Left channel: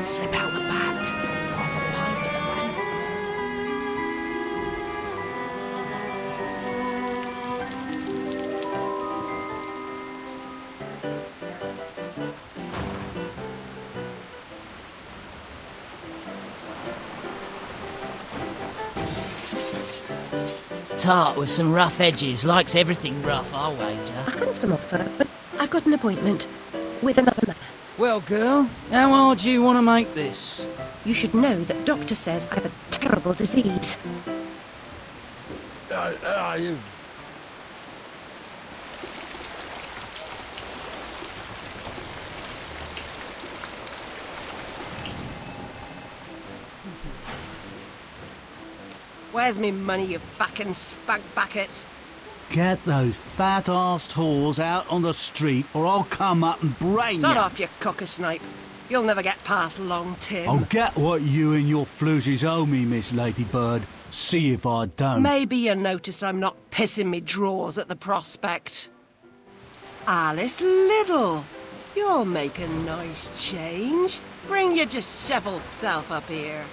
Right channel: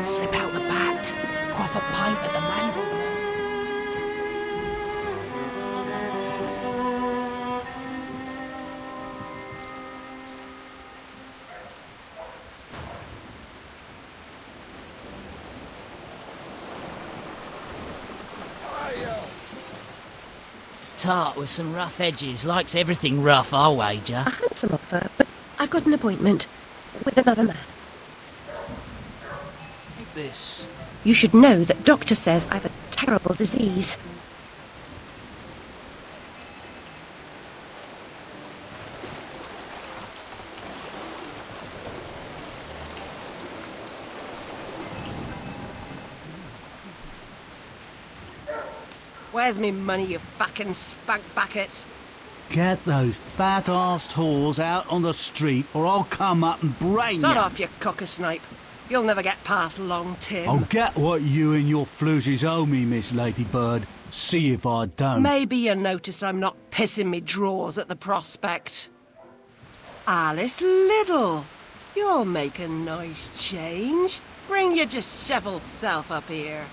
Let's slip out the back. Quaff a pint at the mangle. Tart with some rough edges, likes everything rough, I'll wager. A handsome offer, but I've got an appointment with another man. Well, girl, how hard do you want to make this? You should know that doctor says I've a terrible disease. Where's me money, you fucking spunk bucket? Get those fat-arsed whores out on the street or I'll come up and brain Sod you. off, you cocker-snipe. You'll never get past Long Tim. I'll get what you and your floozies owe me, Miss Ladybird. See if I don't. Maybe you noticed I'm not pissing me drawers at the prospect. Alice Liddle, you'll make a nice change. Bring your dishevelled self up here.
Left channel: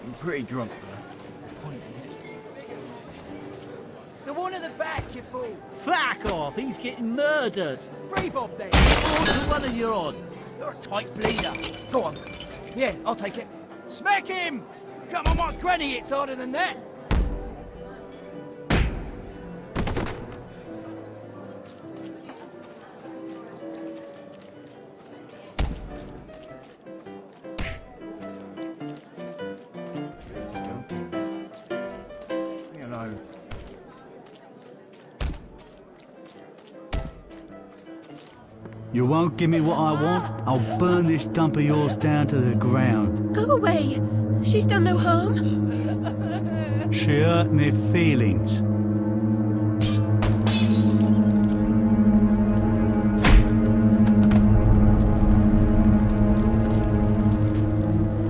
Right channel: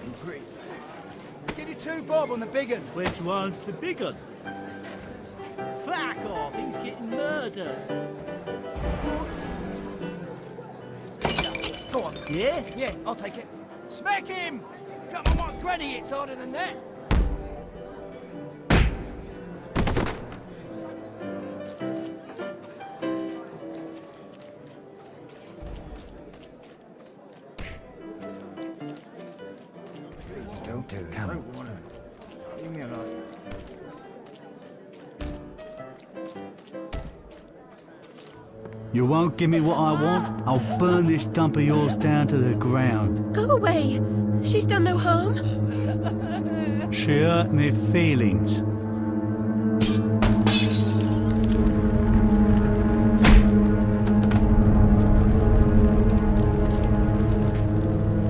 I'm pretty drunk. Give me 2 bob on the big one. Which one's the big one? The one at the back, you fool. Fuck off, he's getting murdered. 3 bob then. What's the one of your odds? You're a tight bleeder. Go on. Yeah? Yeah, I'll take it. Smack him! Come on, my granny hits harder than that. Don't do that. Leave me alone. You won't give me what I want? I'll burn this dump of yours down to the ground. Go away. She's done no harm. She hurt me feelings.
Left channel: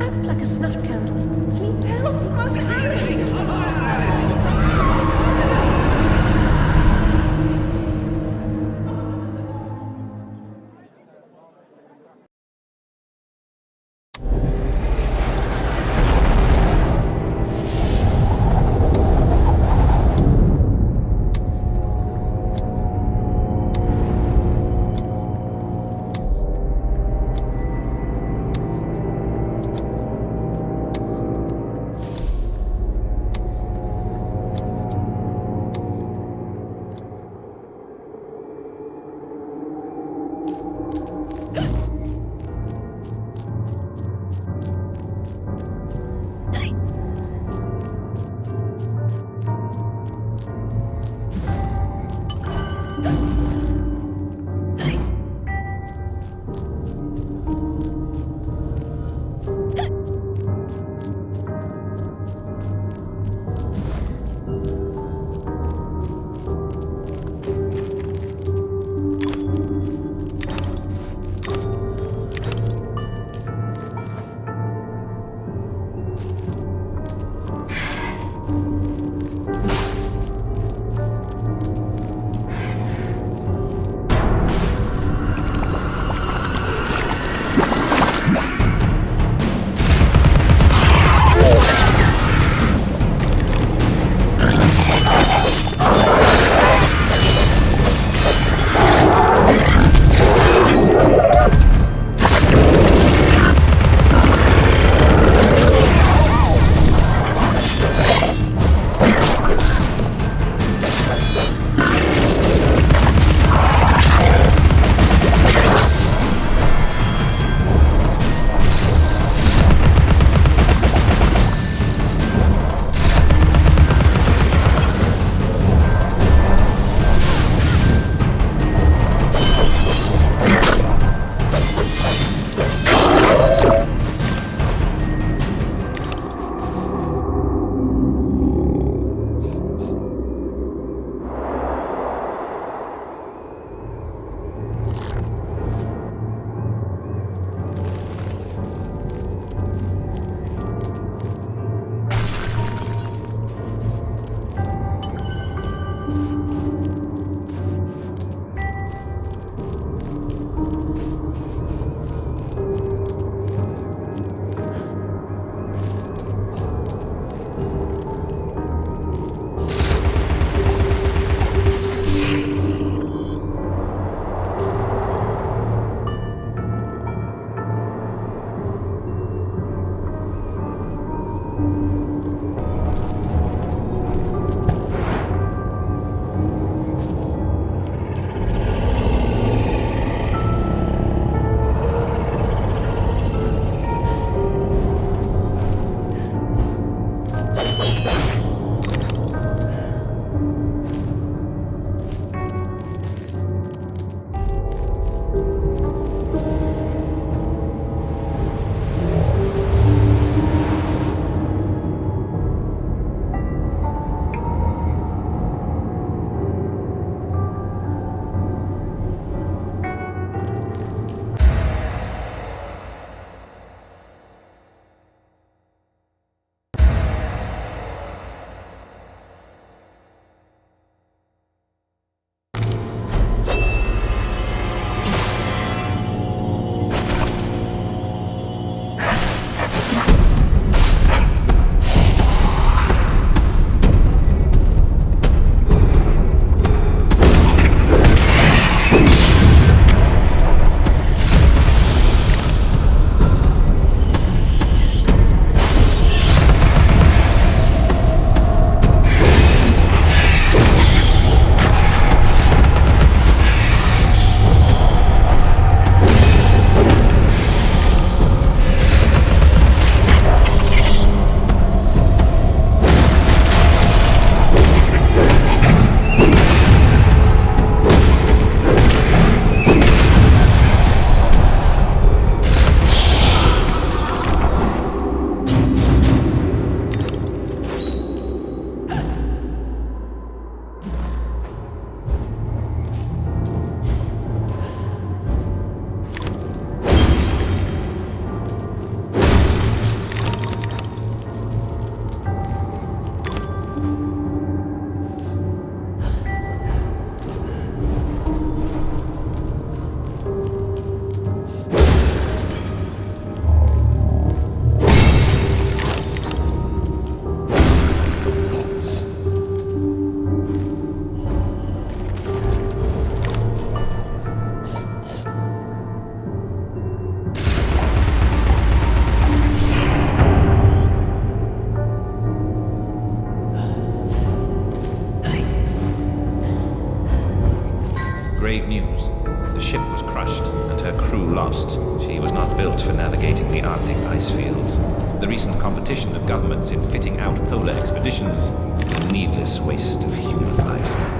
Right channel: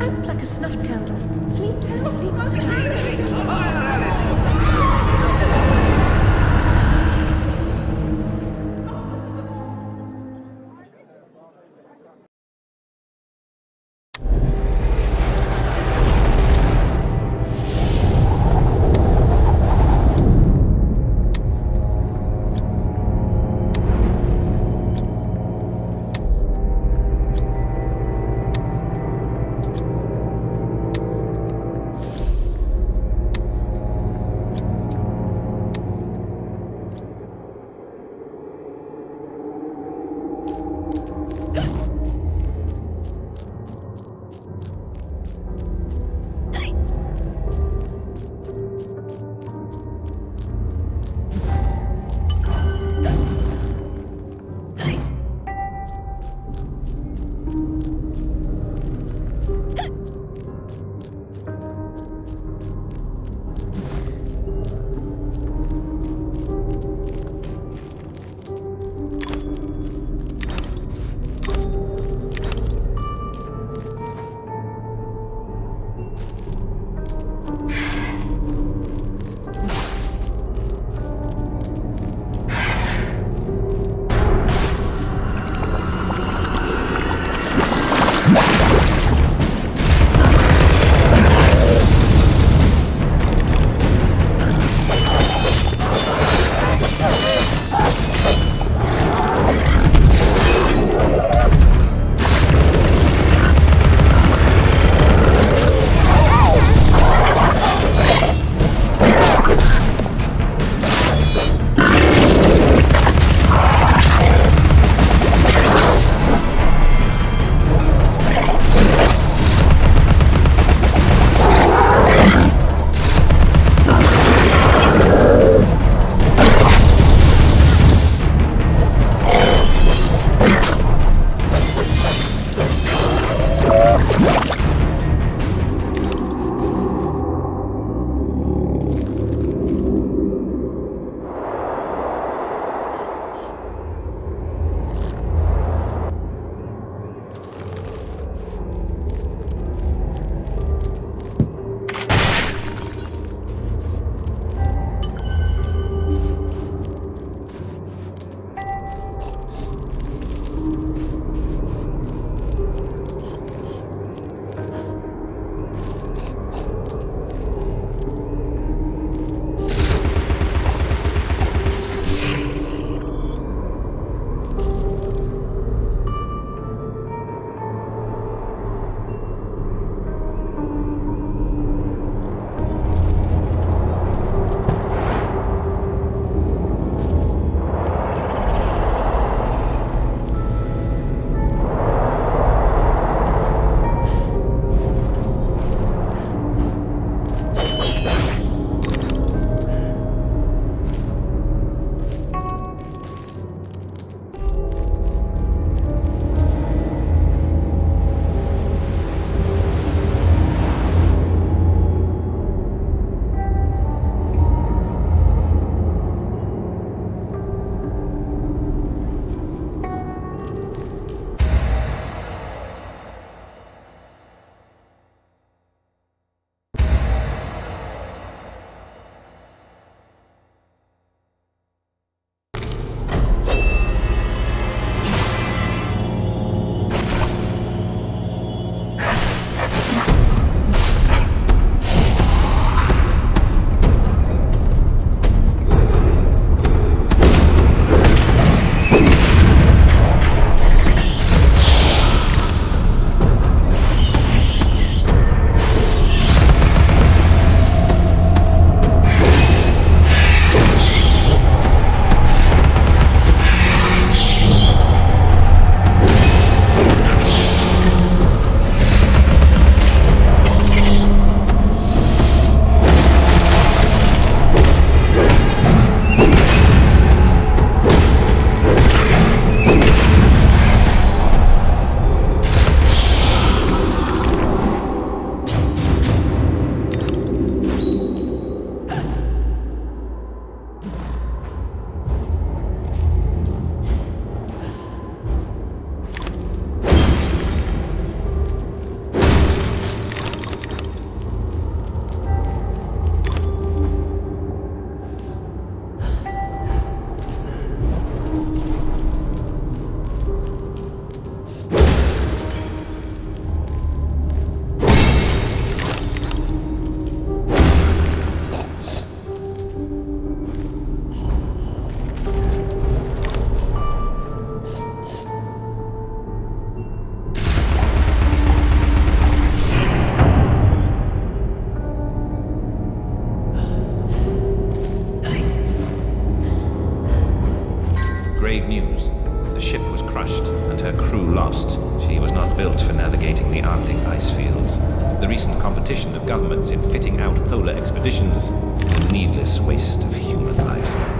Out like a snuffed candle. Sleep, sleep. grave news. The ship was crushed and her crew lost. She was not built for navigating the Arctic ice fields. The recent competition of governments in fitting out polar expeditions is a needless waste of human life.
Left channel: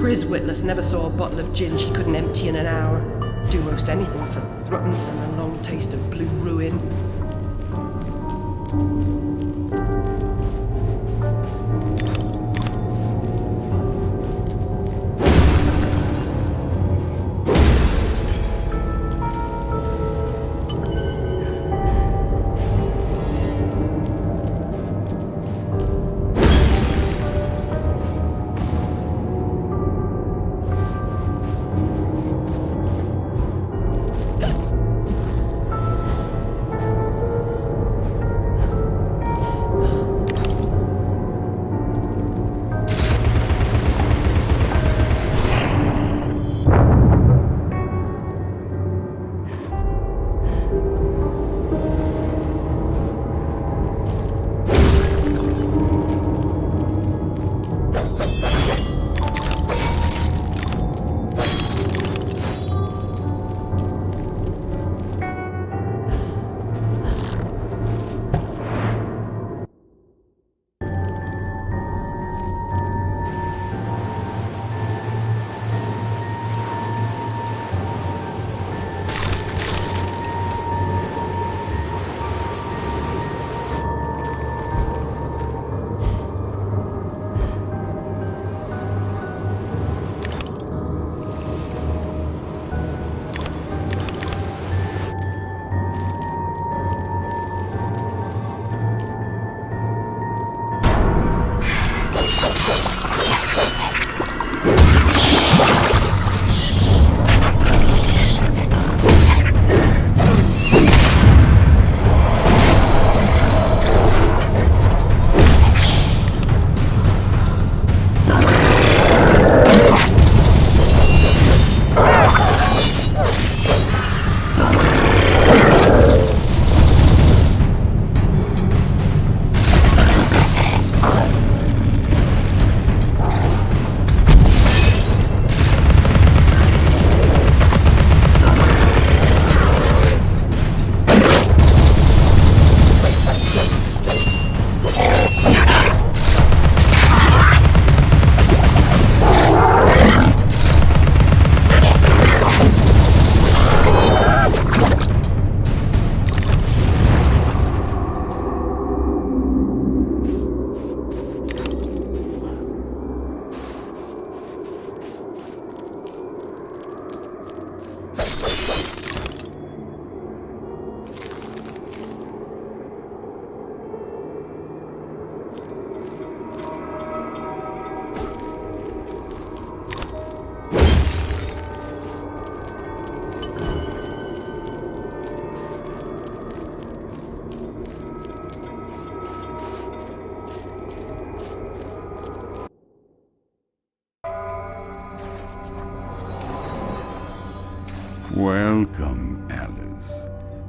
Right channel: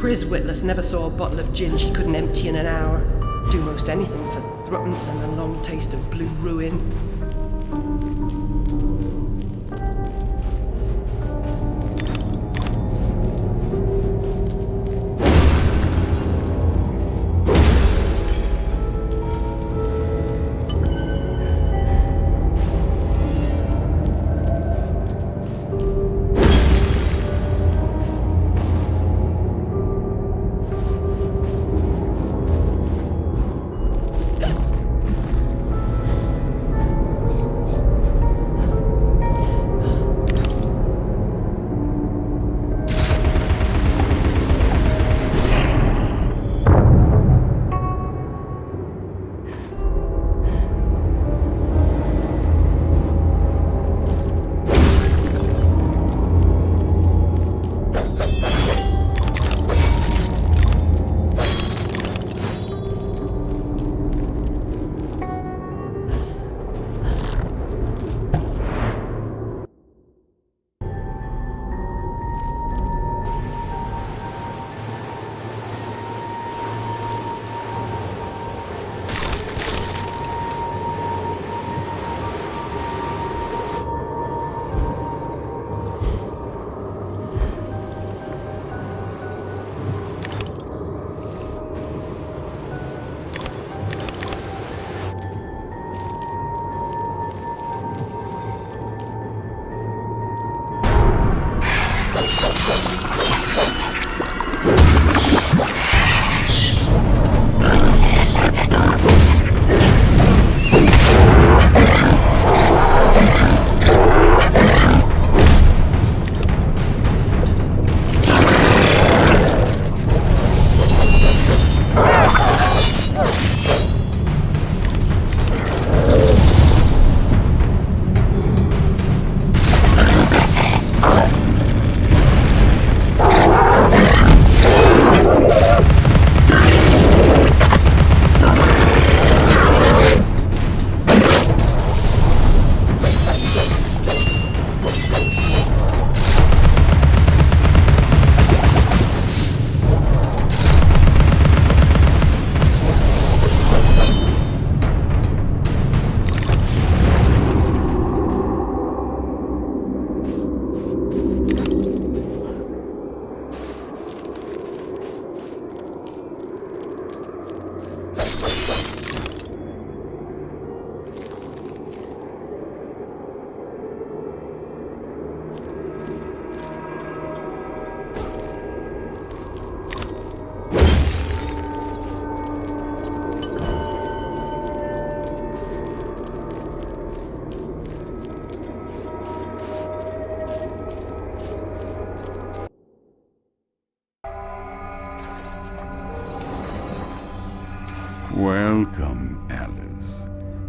Pris Witless never saw a bottle of gin she couldn't empty in an hour. Do most anything for thruppence and a long taste of blue ruin. Welcome, Alice.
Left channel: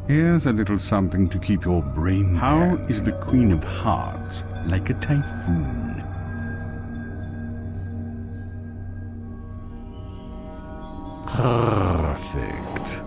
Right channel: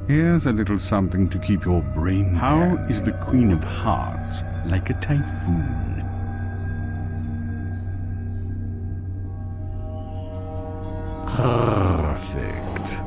Here's a little something to keep your brain. How is the Queen of Hearts like a typhoon? Perfect.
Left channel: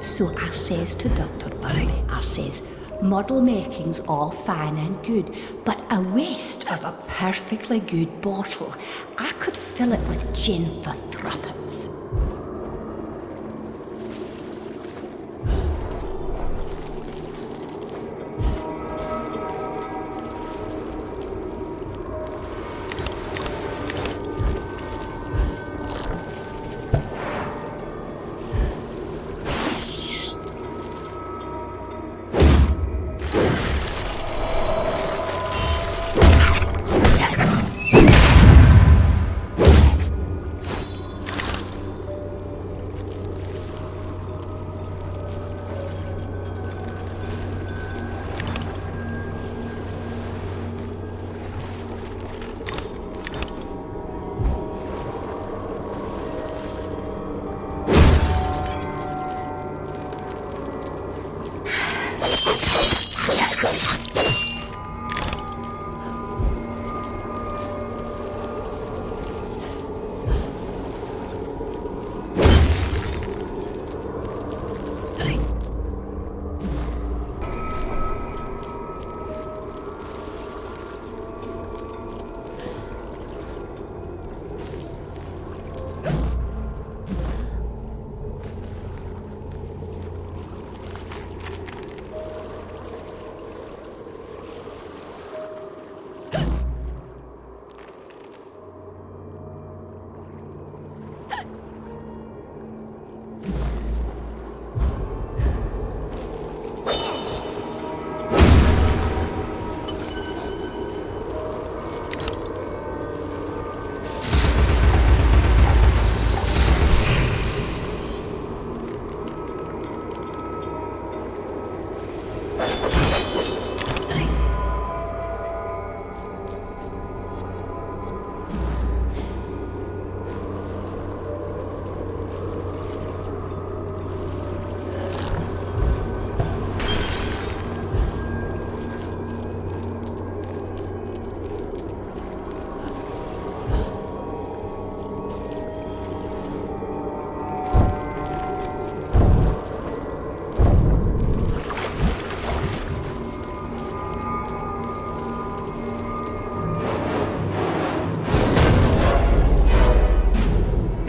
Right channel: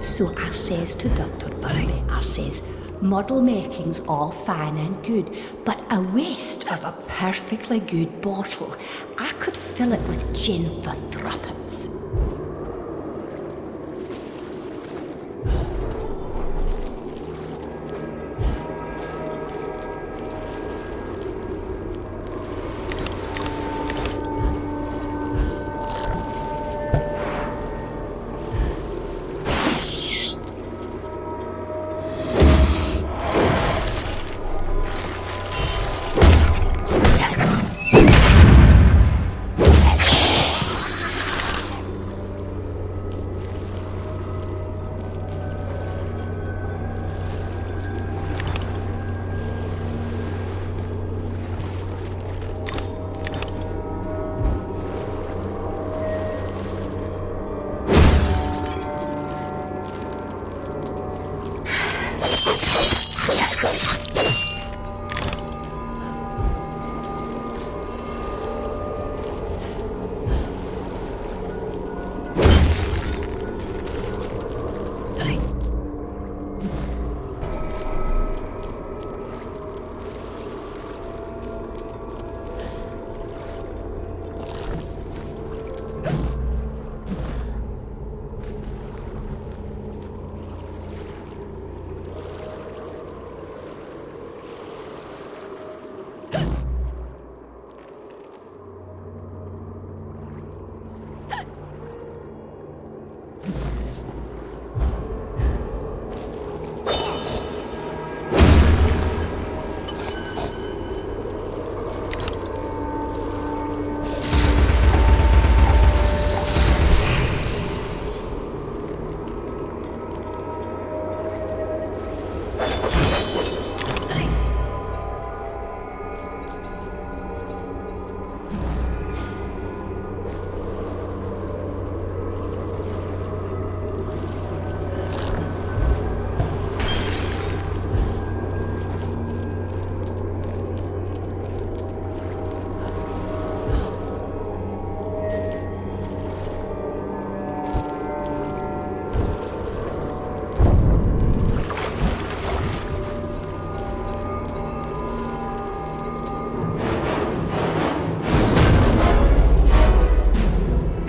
So I says to Dr. Barry, I says, model making's all fine and good, but a waste of a perfectly good bottle. I could fill it with gin for threepence.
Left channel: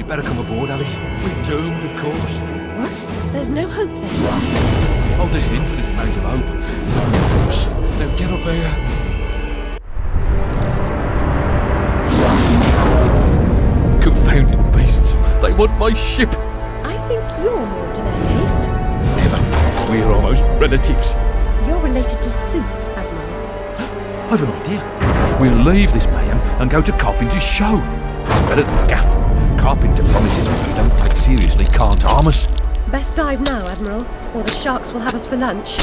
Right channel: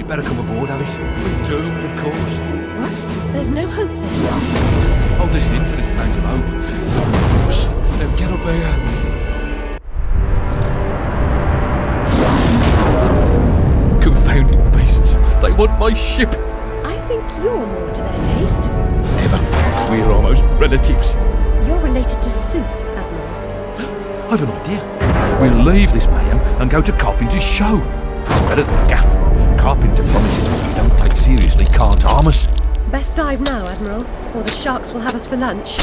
Better come aboard, Alice. We're doomed, of course. What? There's no hope then? Oh, there's an infinite amount of hope. Of course. Now get up here. Confounded beasts. They want my ship. I think you're more to their taste. Never. We're almost relatives. You're related to Soup, Admiral. I've an idea. We'll leave this mayhem and go to Carpenter's show. It's better than Gaff. Carpenter promises what we don't take seriously can't harm us. Best dive now, Admiral, or the sharks will have us for lunch.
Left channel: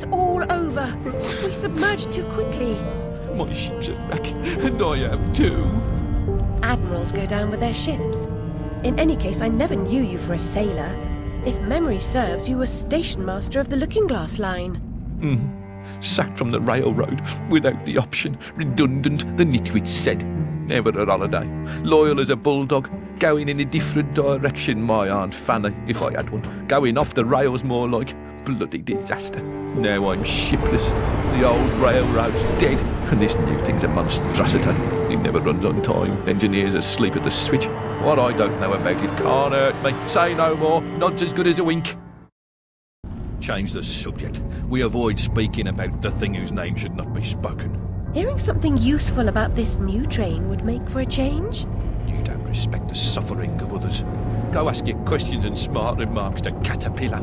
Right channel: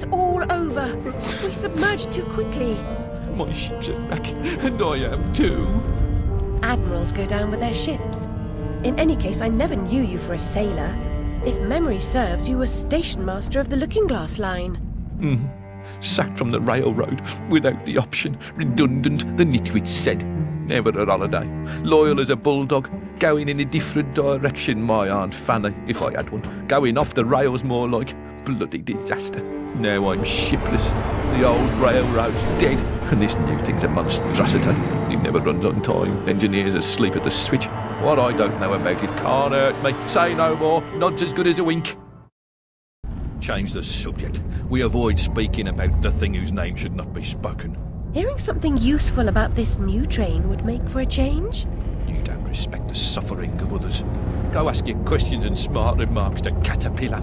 It's all over. We submerged too quickly. My ship's a wreck, and I am too. Admirals go down with their ships. In any case, I never knew you for a sailor. If memory serves, you were station master of the Looking Glass line. Sacked from the railroad without the option. Redundant, the nitwit said. Never a holiday. Loyal as a bulldog. Going in a different direction, my Aunt Fanny, if I had one. Going off the rails more like. Bloody disaster. Now I'm shipless. The old railroad's dead. And this new thing's a monstrosity. It never runs on time. Engineers asleep at the switch. What I don't know about it can't hurt me. Say no more. Nod's as good as a wink. Change the subject. We avoid speaking about the thing whose name should not be spoken. Hearing something useful about this new train would make for a change. You don't respect the suffering of others. Go ask your questions and smart remarks to Caterpillar.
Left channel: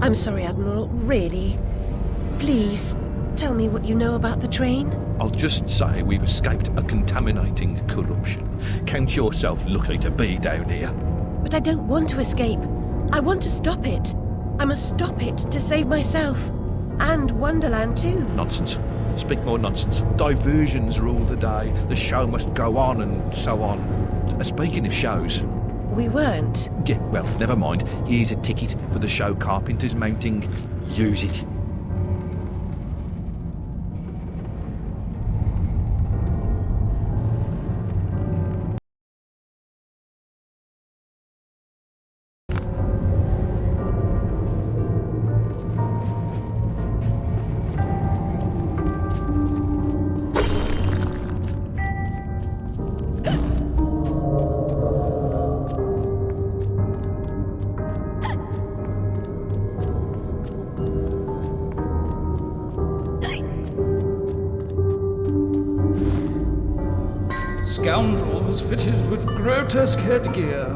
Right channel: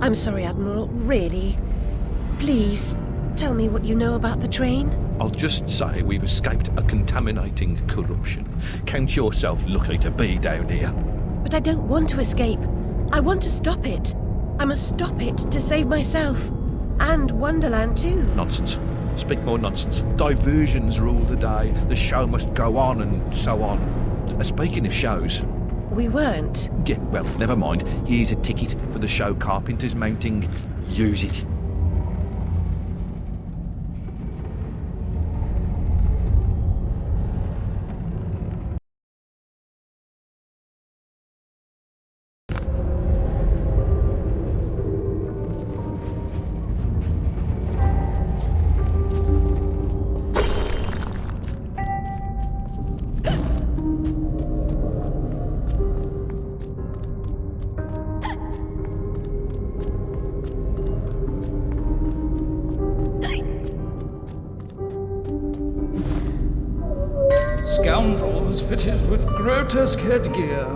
I'm sorry, Admiral, really. Please, tell me what you know about the train. I'll just say we've escaped a contaminating corruption. Count yourself lucky to be down here. But I don't want to escape. I want to stop it. I must stop it to save myself. And Wonderland too. Nonsense. Speak more nonsense. Diversions rule the day. The show must go on and so on. Speaking of shows... We weren't. Yeah, well, never mind. Here's a ticket for the show Carpenter's mounting. Use it. Scoundrels fitted with grotesque headgear.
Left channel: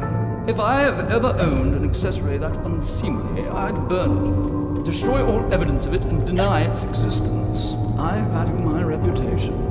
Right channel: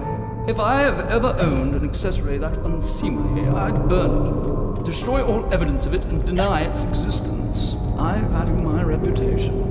If I have ever owned an accessory that unseemly, I'd burn it, destroy all evidence of it, and deny its existence. I value my reputation.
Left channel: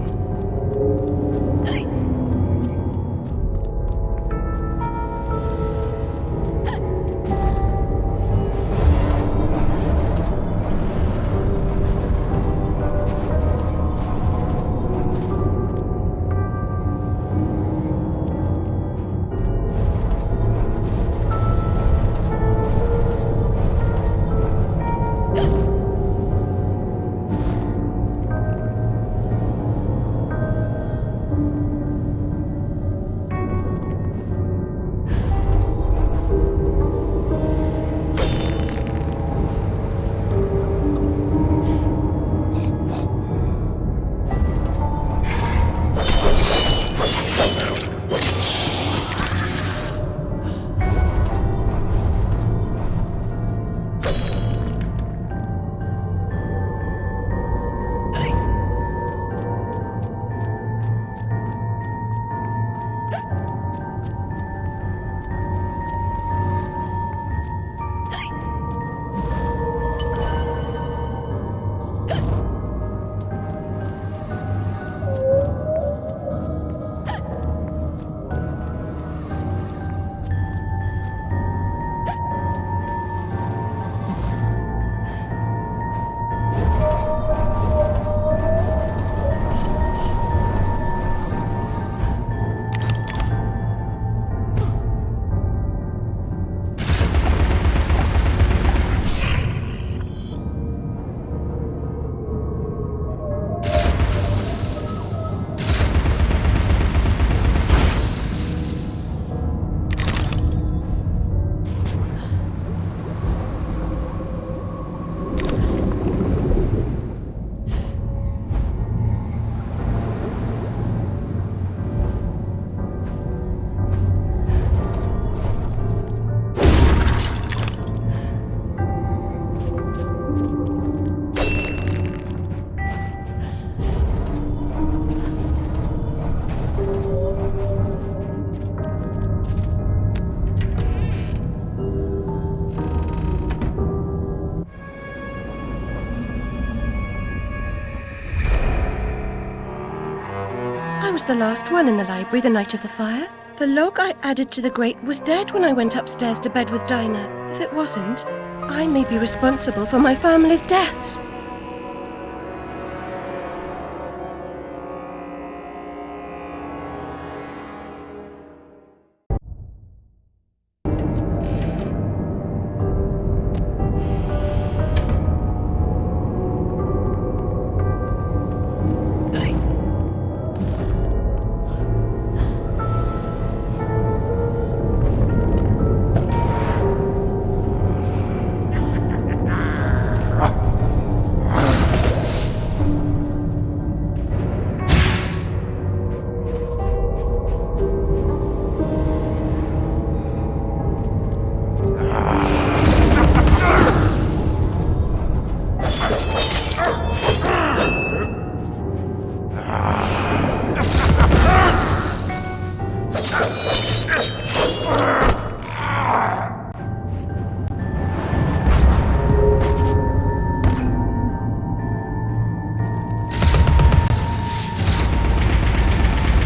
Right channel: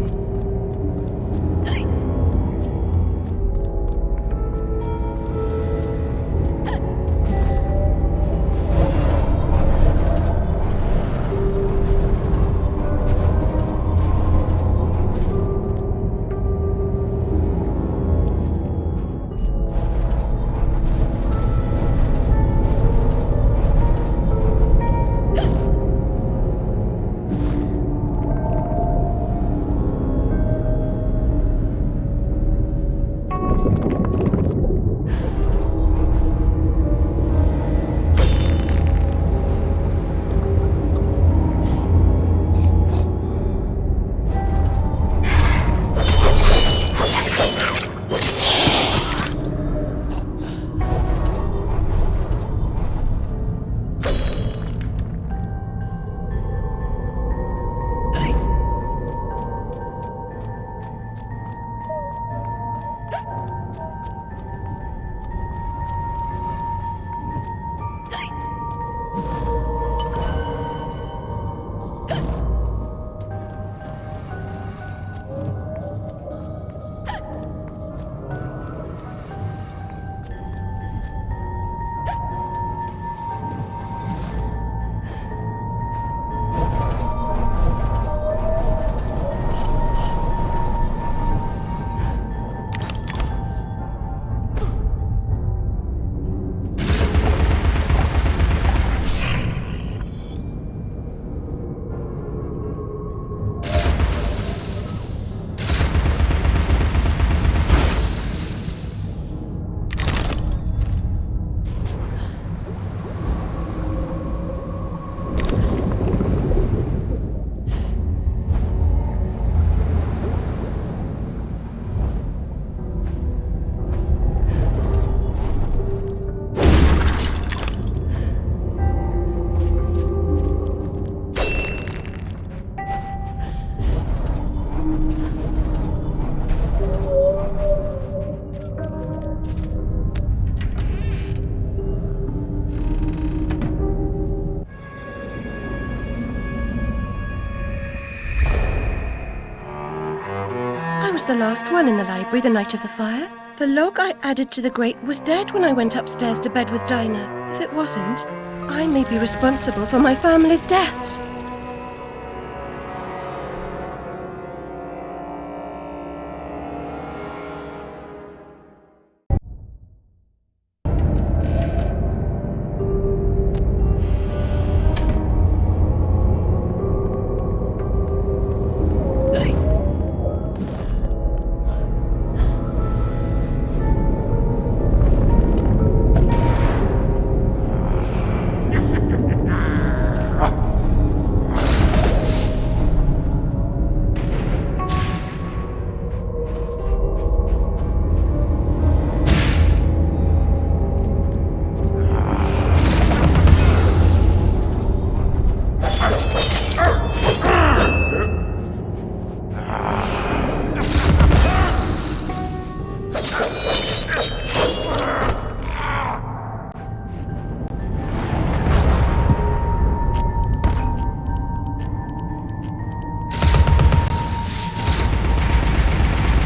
I was the last one in the library the night of the fire. The log I added to the grate was dead when I went upstairs to bed with Dinah. If it wasn't, I may be responsible for my family's deaths.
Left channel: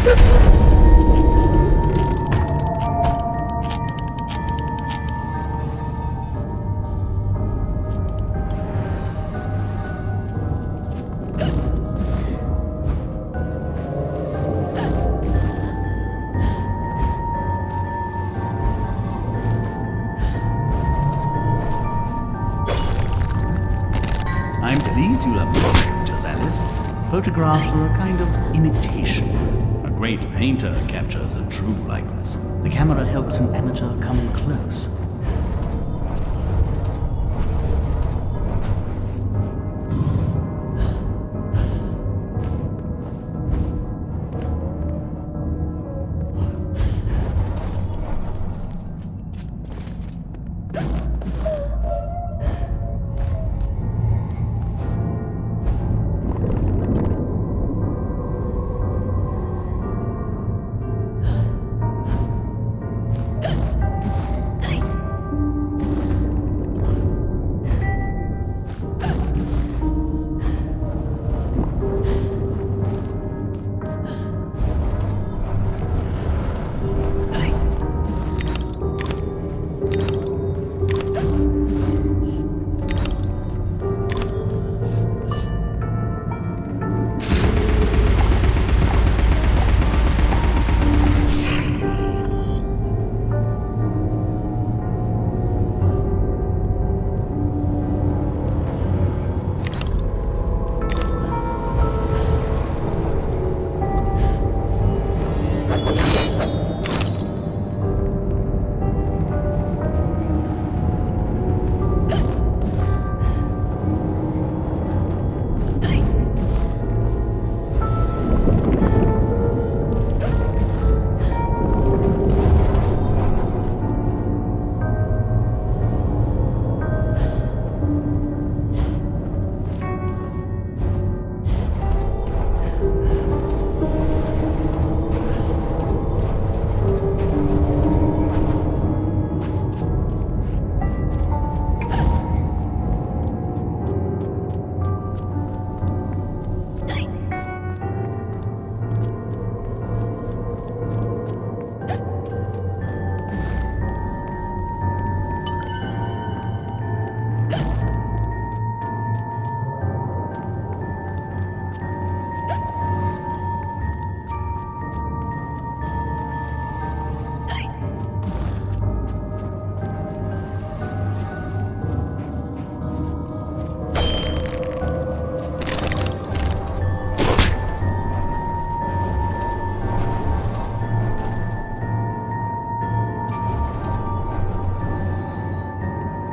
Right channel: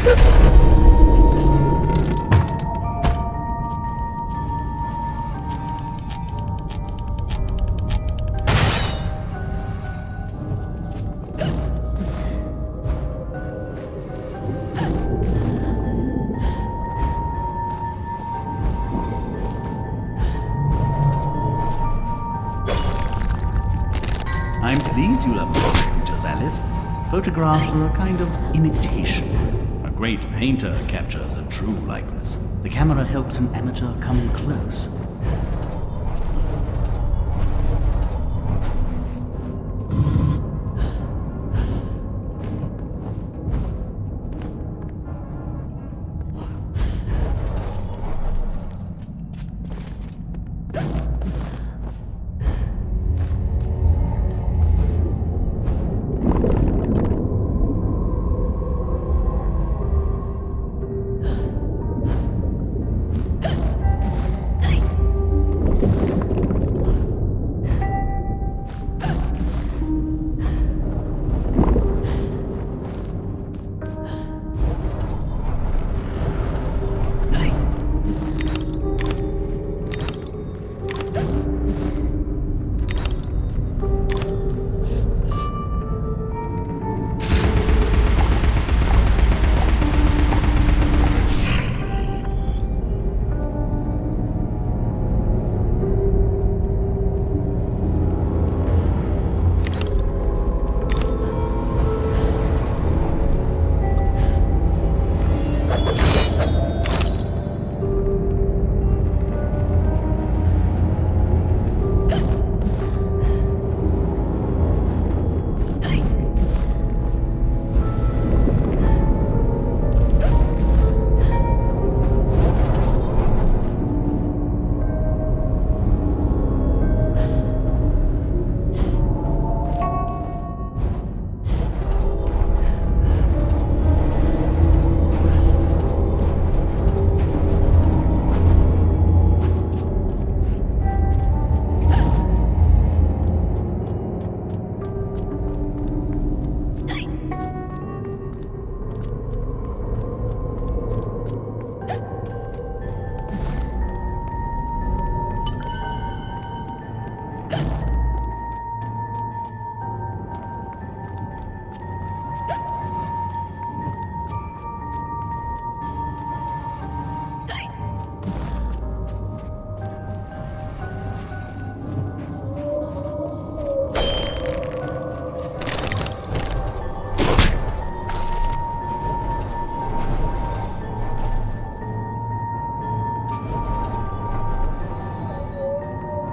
I'm pleased you love these pictures, Alice. Photographs are a kind of imitation. A great painter captures a true likeness. The camera helps an amateur come close.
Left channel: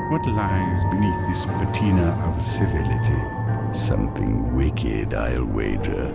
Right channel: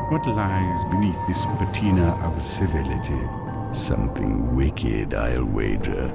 What lies beneath this patina of civility? Something wicked, I'll wager.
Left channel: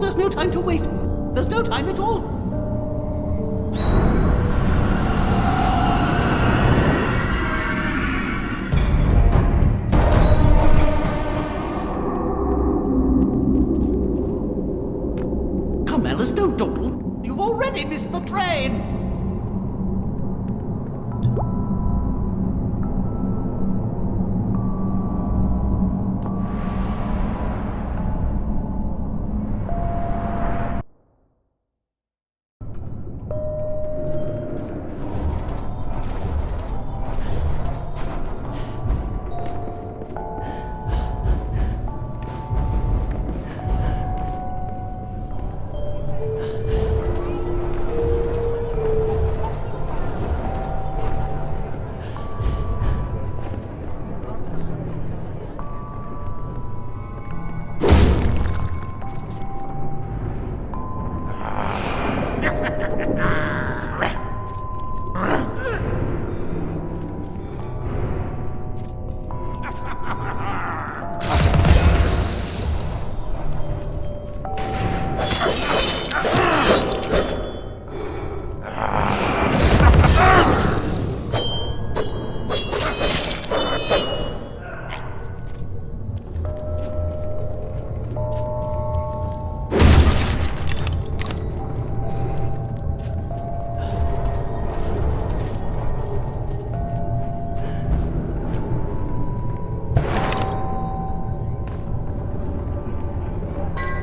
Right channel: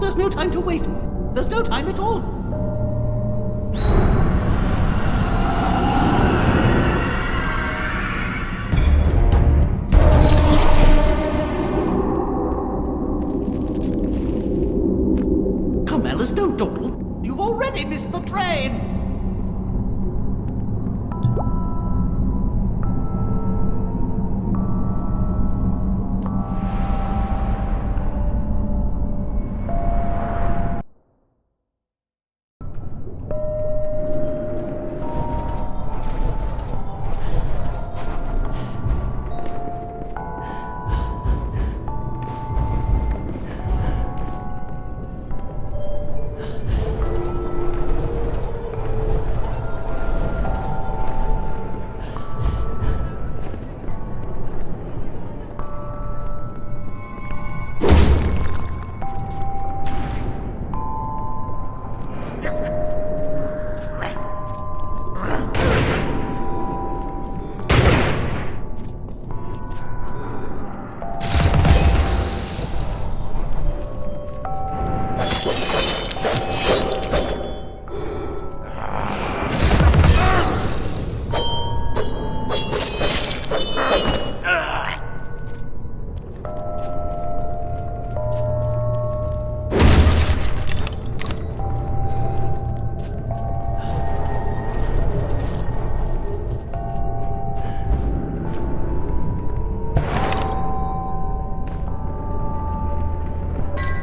There's no time to waste. There's no time at all. Come, Alice, don't dawdle. You've already missed the train.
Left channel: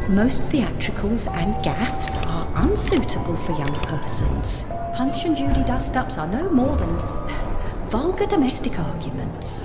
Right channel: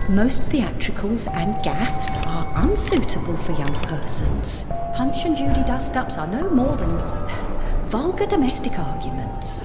Most theatricals and gaffs are unsuitable for young persons. Punch and Judy dust-ups are no more than vulgar domestic arguments.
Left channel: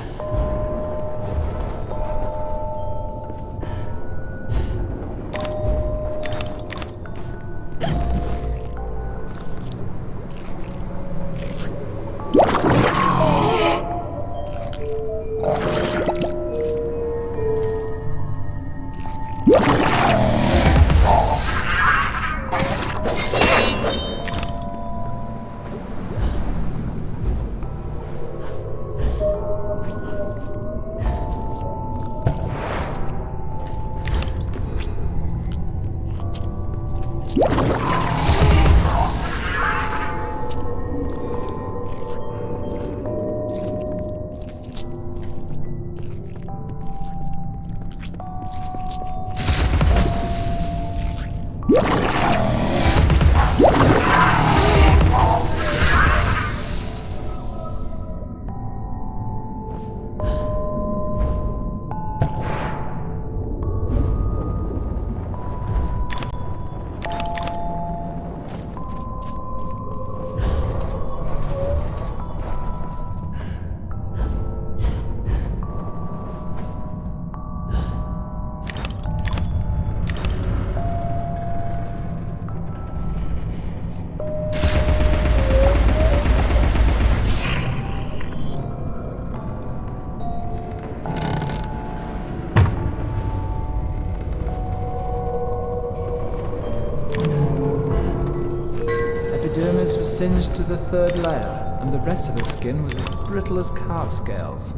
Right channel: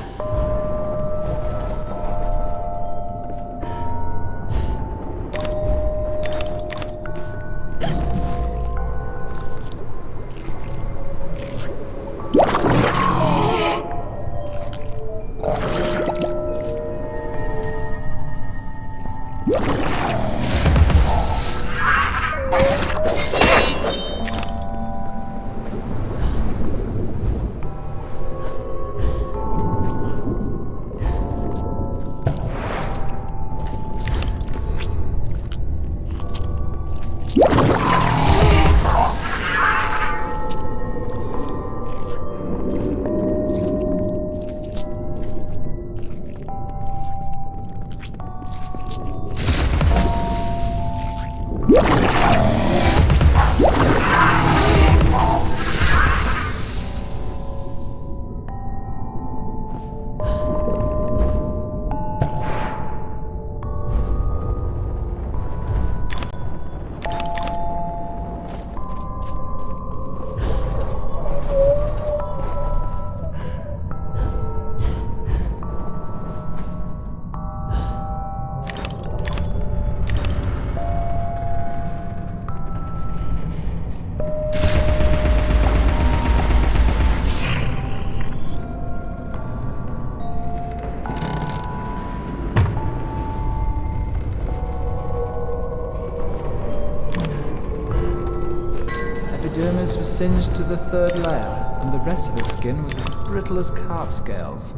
Epidermis was singed to the third layer, and the rest of her skin was as brittle as carp scales.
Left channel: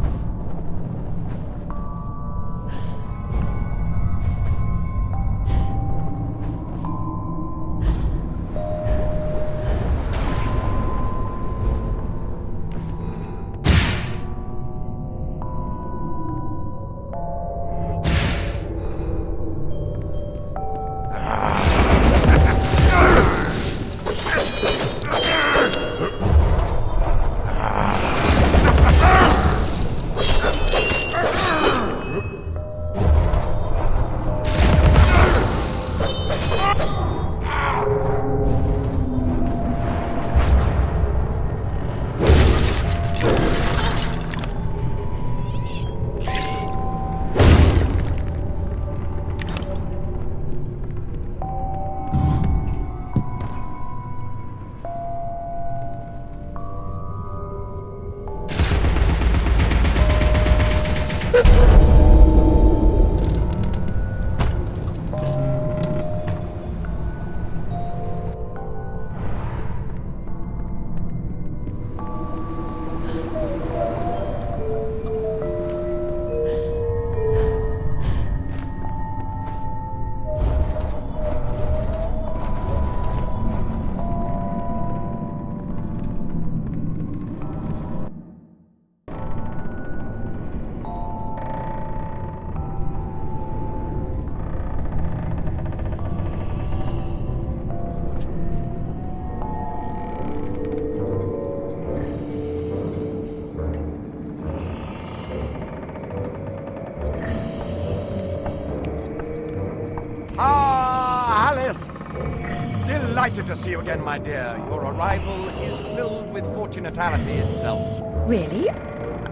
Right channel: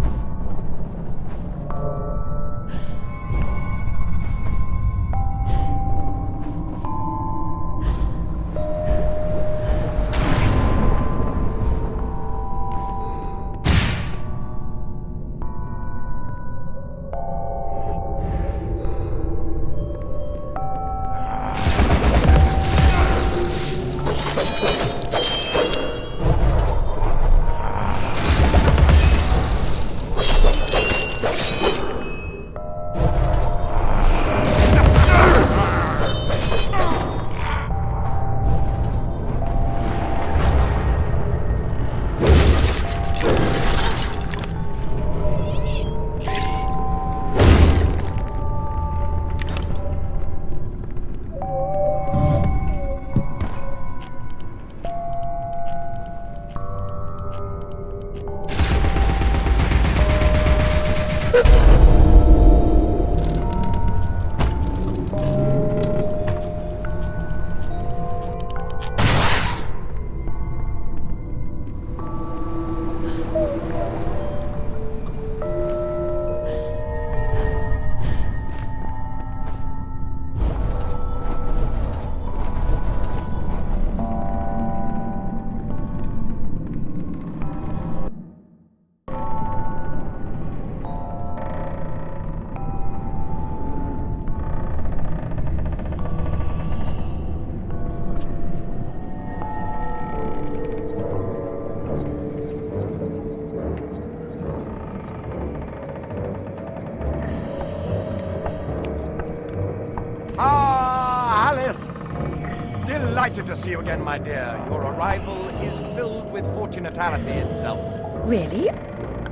Ah, Alice! Delighted to see you again, my dear. Your arrival is filled with fortunatality itself. Really?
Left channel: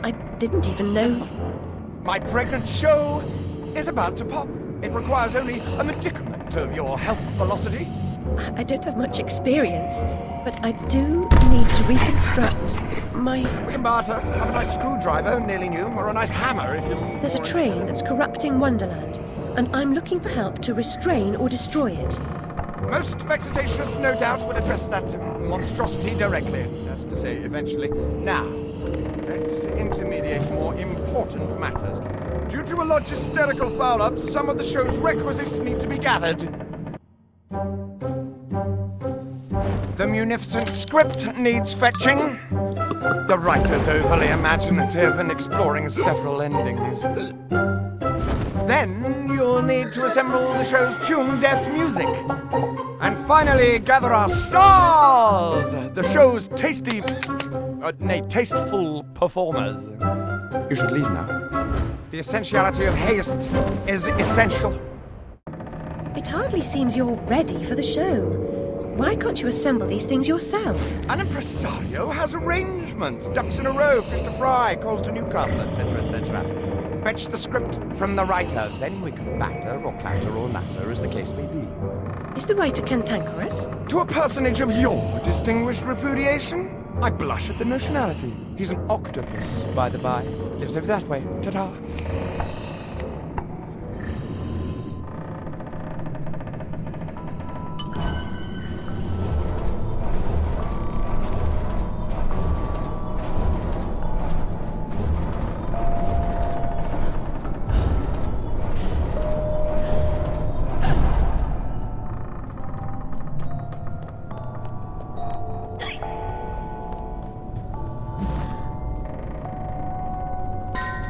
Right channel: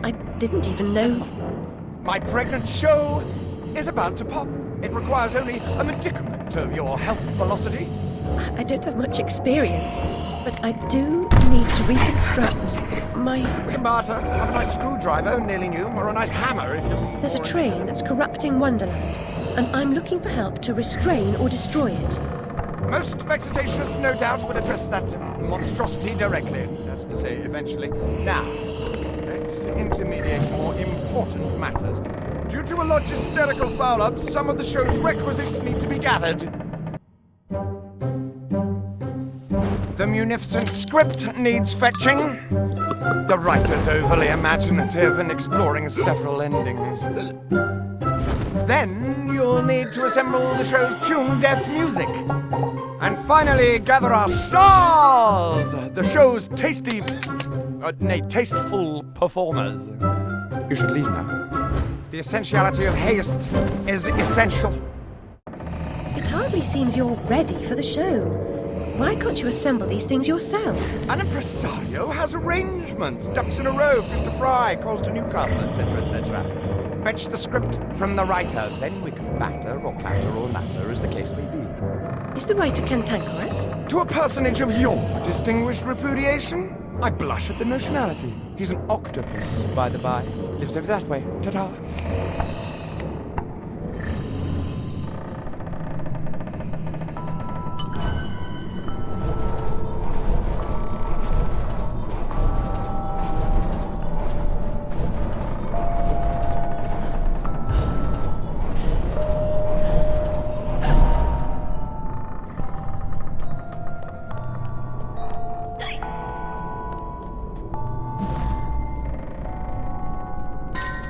I didn't even know. My pregnant show is about to pop. It requires only a medicament of your health velocity. I don't have much experience, but I do need to reconstruct my... We can barter. Have a nice screwdriver, nearly new, or a nice hammer if you... There's a train that's corrupting Wonderland, and I'm looking for help to restrain or destroy it. Most vexatious, no doubt, would address that monstrosity directly. That's to say, eventually. Now, let's intermediate more important matters. Due to a logisterical foul-up, some of the show's requisites need to be gathered. The munificent script needs fetching. The writer's overly imaginative and exploring several endings. Then you'll need to assemble the show's tune-deft music. And finally, gather our stars! The show's tasteful performers. You should leave now. The essentiality of haste is essential. It hardly seems you're ready for the show. Why can't you assemble these things yourself? An impresario has arrangements. Ducks in a row, fish to fry, calls to Newcastle, etc., etc. Fetch the script from the writer, then we can batter or clatter or natter, as the case may be. Is the writer cantankerous? To a personage of your distinguished repudiation? I blush at the notionality. He's an octopus, by the by. Lives over that way. Ta-ta.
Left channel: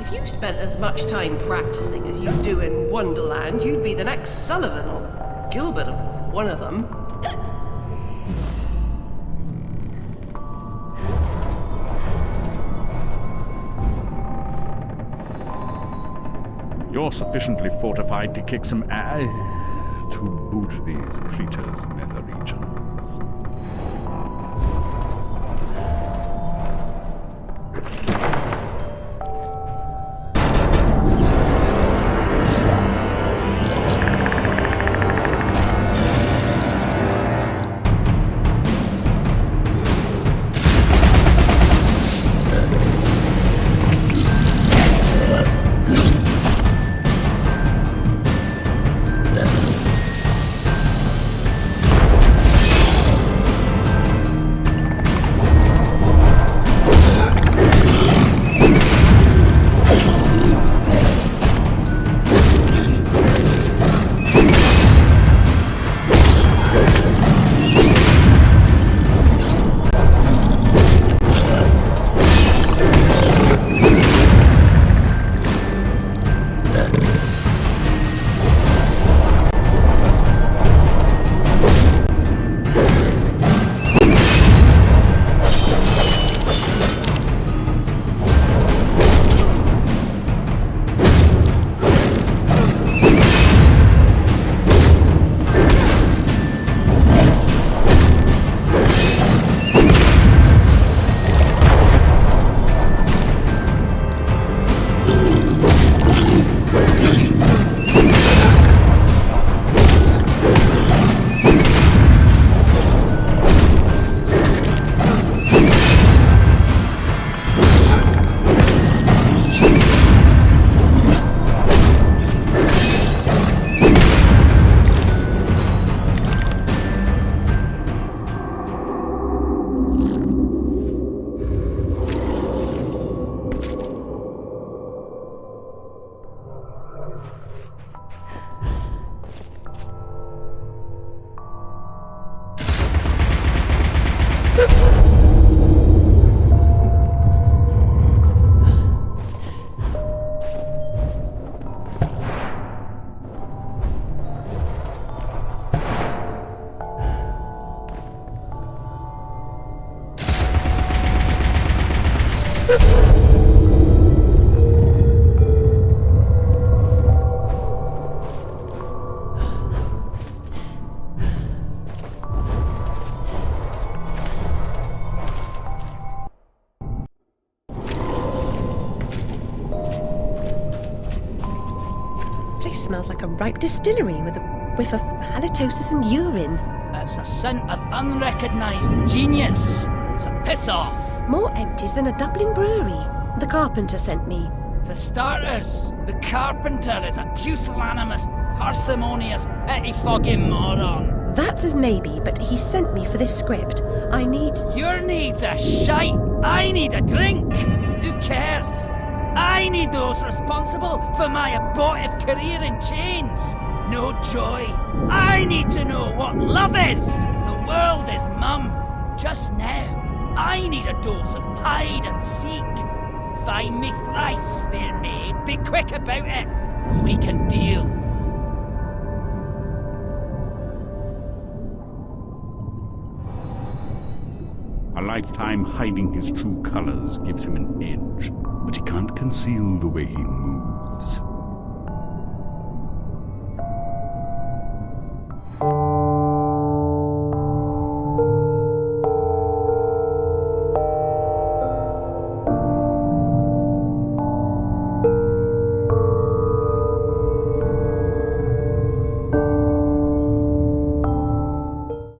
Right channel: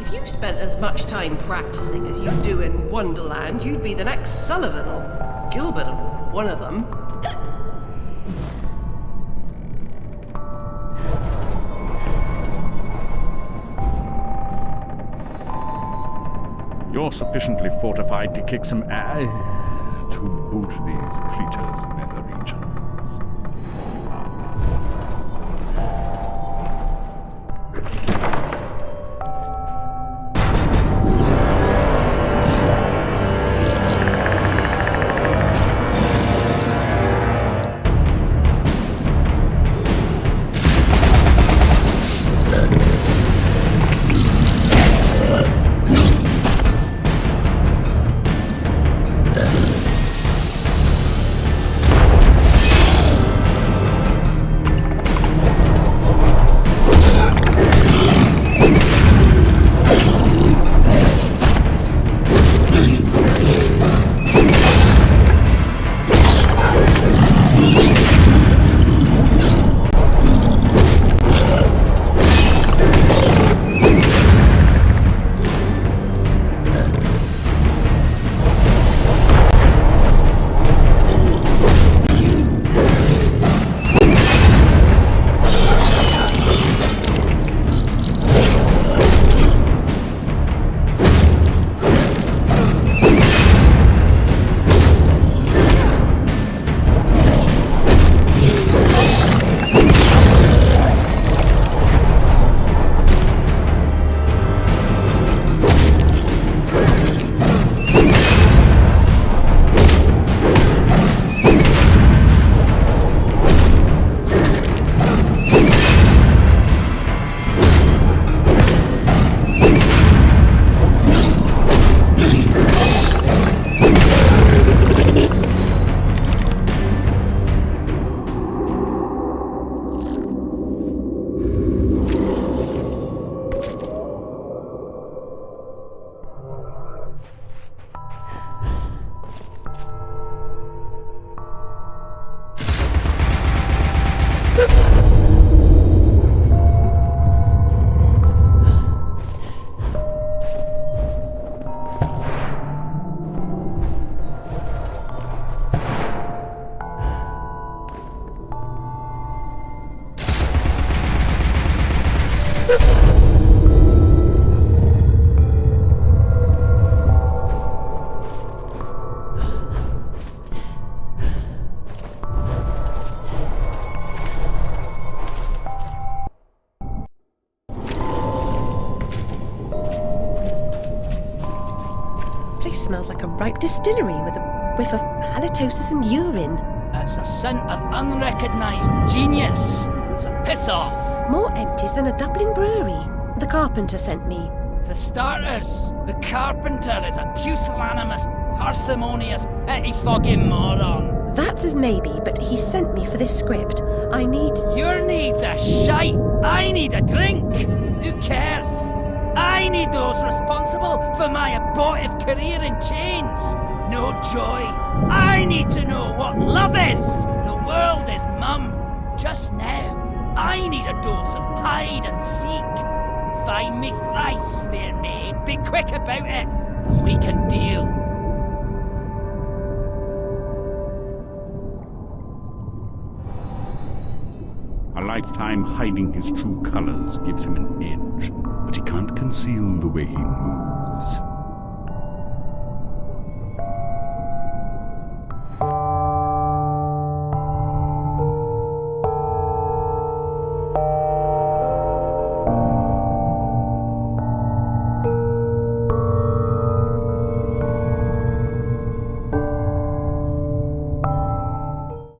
If you spent as much time practicing as you do in Wonderland, you'd be the next Sullivan or Gilbert or one of them. You're sufficiently fortified to kick some to boot these creatures' nether regions. Place smells like a ripe distillery with a whiff of halitosis and urine. It's a scent of unrecognised genius. So piss off. More empties than a Dublin brewery. The carpenter sent me. For starters, the carpenter is a pusillanimous, parsimonious, pettifogging moron. That's as maybe, but he sent me for this script. I need... Your needs are shite. I need a drink. Who cares? I need those responsible for my abortive career in chains. No joy. I need to know what love is. The world is mum. Just now, I need a dose of hide and seek. Find me thrice, fair maid. Be quick about it, and we can deal. A lifetime hiding his true colors gives him an edge, but he can't conceal the way he moves.